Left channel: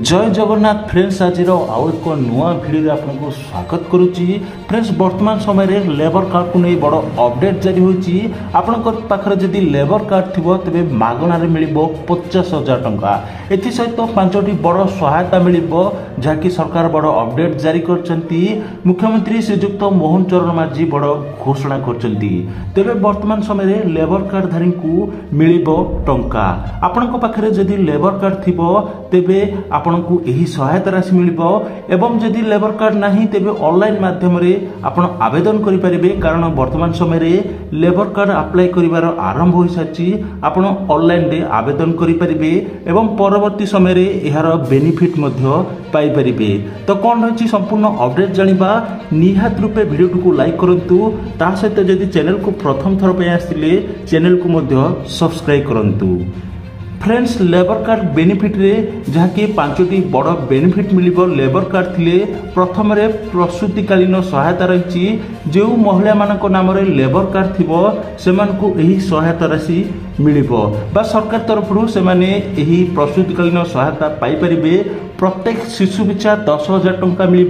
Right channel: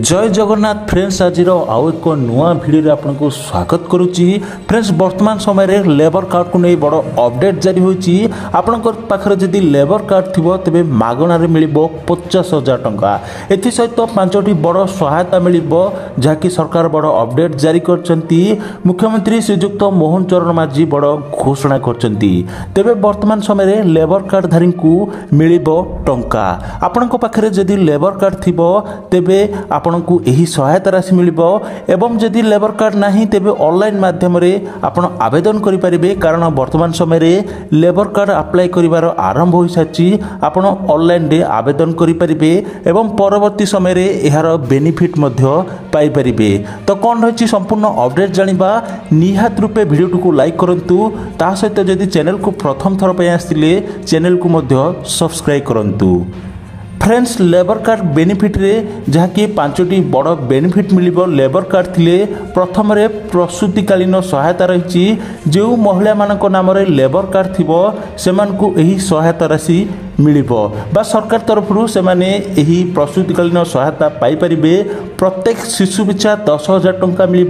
जय जगन्नाथ फ्रेंड्स आज आउ एक नुआ भिडियो आपको स्वागत करुच्ची। फ्रेंड्स वर्तमान समय रे लेबर कार्ड को नहीं बड़ अपडेट जारी होती। आपंकर पाखे जदि लेबर कार्ड थी तेज मागणार मिल 50,000 टंका। एसत 5टी बड़ सहायता मिल जहाँकि सरकार बड़ अपडेट जारी कर मुख्यमंत्री श्रीजुक्त मोहन चरण माझी बड़ घोषणा कर तेरे वर्तमान समय लेबर कार्डधारी को मिल टंका। आपण पाखे जदि लेबर कार्ड थी तेबे आपण को यही सहायता राशि मिल एवं जदि लेबर कार्ड नहीं तेबे ऑनलाइन माध्यम रे आपण आवेदन करि परिबे। कारण वर्तमान समय रे लेबर कार्ड अप्लाई करिवार आरंभ हो साची। आपण ऑनलाइन रे आवेदन करि परिबे एवं परवर्ती समय रे एहार बेनिफिट मध्य पाई परिबे। तो कोन रहछि संपूर्ण अपडेट जानिबा निहात रूपे वीडियो को लाइक करंतु। ता सहित जदि चैनल को प्रथम थर पे आस्तिले चैनल को मध्य सब्सक्राइब करंतु। फ्रेंड्स लेबर कार्ड बेनिफिट रे जहाँकि 5टी बड़ बेनिफिट मिल लेबर कार्ड थिले। प्रथम रे प्रसूतिकालीन सहायता रही। जो महिला मानक नाम रे लेबर कार्ड थिबो सेमान को यही सहायता राशि मिल सरकार तरफ से यही प्रसूतिकालीन सहायता पाई परिबे। प्रत्येक शिशु पिछा 10,000 टंका मिल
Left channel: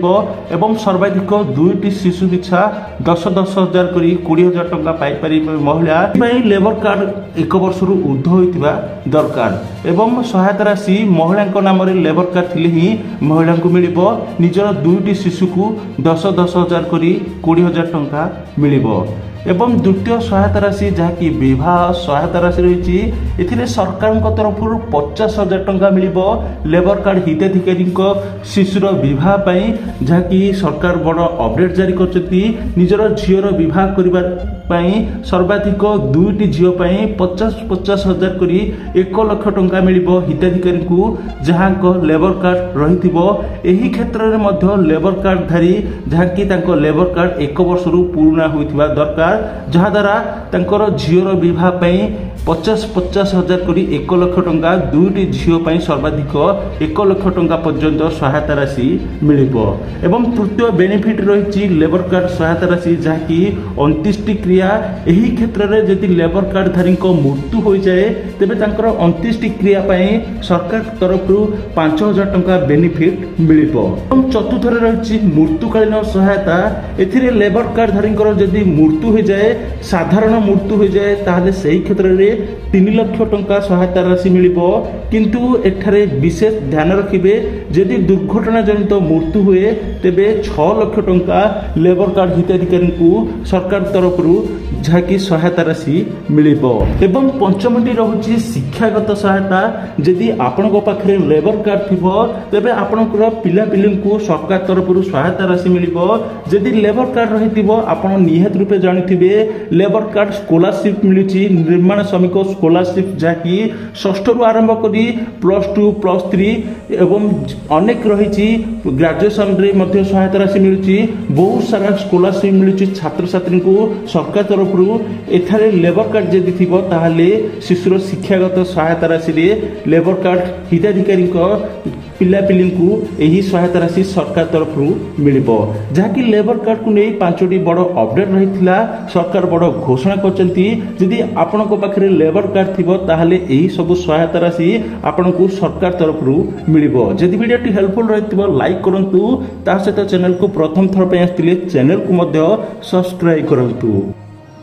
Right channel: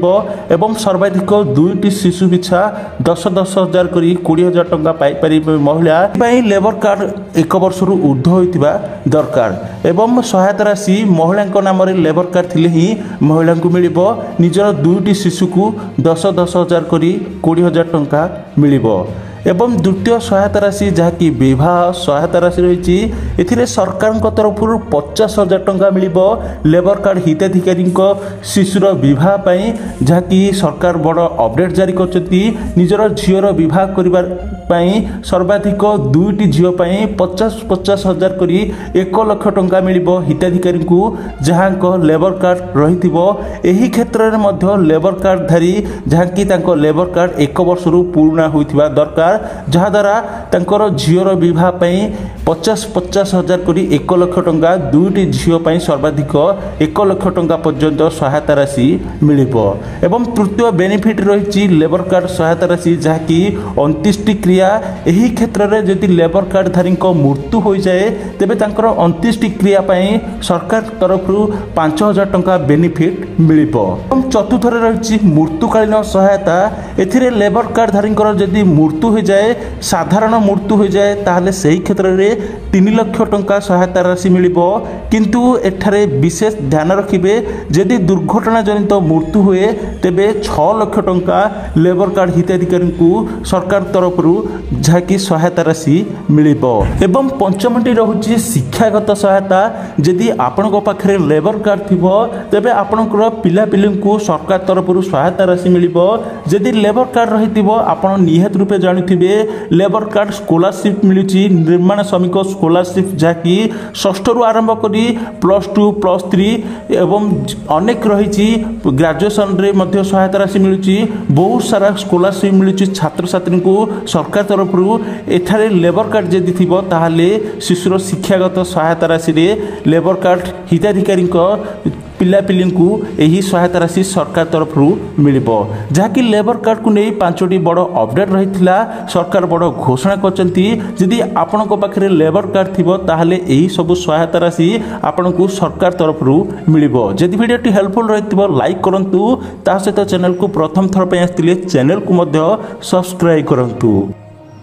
एवं सर्वाधिक 2टी शिशु पिछा 10,000 करी 20,000 टंका पाई परिबे। महिला लेबर कार्ड 1 वर्ष ऊर्ध्व होइतिबा दरकार एवं सहायता राशि महिला नाम रे लेबर कार्ड थिले ही महिला को मिल निजर 2टी शिशु को 10,000 करी 20,000 टंका मिल एवं द्वितीय सहायता राशि जहाँकि विवाह सहायता राशि रही। एथिरे सरकार तरफ 50,000 टंका मिल लेबर कार्ड हिताधिकारी शिशुर विवाह पाई। जहाँकि सरकार बड़ अपडेट जारी कर निजर झीर विवाह करने सर्वाधिक 2टी झील 50,000 करी 1 लाख टंका मिल हिताधिकारी को जहाँ लेबर कार्ड रही। क्षेत्र में लेबर कार्डधारी जहाँकि लेबर कार्ड 1 वर्ष पुराना होता दरकार जहाद्वारा तांकर झीर विवाह 50,000 करी 1 लाख टंका 2टी झील सर्वाधिक 1 लाख टंका पर्यंत सहायता राशि मिल एवं तृतीय बेनिफिट रही लेबर कार्ड सहायता राशि जहाँकि 29टी क्रिया। यही क्षेत्र में जदि लेबर कार्डधारी मृत्यु हो जाए तेबे तांकर 29टी क्रिया सरकार तरफ 5,000 टंका बेनिफिट मिल। चतुर्थ रही मृत्युकालीन सहायता। एथिरे लेबर कार्डधारी जदि मृत्यु हो जाए साधारण मृत्यु हो जाए ताहले सही क्षेत्र में 3 लाख टंका सहायता राशि मिल। किंतु एठारे विशेष ध्यान रखिबे जदि दुर्घटना जनित मृत्यु हुए तेबे 6 लाख टंका लेबर कार्ड हिताधिकारी को सरकार तरफ जहाँकि सहायता राशि मिल। एवं पंचमटी रही शिक्षागत सहायता। जदि आपण पाखे लेबर कार्ड थी तेबे आपणकर पिलापिली को सरकार तरफ सहायता राशि मिल। जदि लेबर कार्ड रही आपण निहत रूपे जानिथिबे लेबर कार्ड स्कॉलरशिप मिलुची। निर्माण श्रमिक स्कॉलरशिप जहाँकि 6ठ रु आरंभ करी +2 +3 एवं अनेक रही ग्रेजुएशन रे मध्य सहायता राशि मिलुची। बहुत सारा स्कॉलरशिप मिलुची छात्र छात्री को सरकार तरफ एठारे लेबर कार्ड जदि थिबो ताहाले शिशुर शिक्षागत सहायता राशि रे लेबर कार्ड हिताधिकारी पिलापिली को यही सहायता राशि सरकार तरफ मिल। जहाँकि लेबर कार्ड को नहीं 5टी बड़ अपडेट रही सरकार बड़ घोषणा करदी। आपण पाखे लेबर कार्ड थी ताहले यही सब सहायता राशि आपण को सरकार तरफ मिल। जदि वीडियो हेल्पफुल रही लाइक करंतु। ता सहित चैनल को प्रथम थर पे आस्तिले चैनल को मध्य सब्सक्राइब करंतु।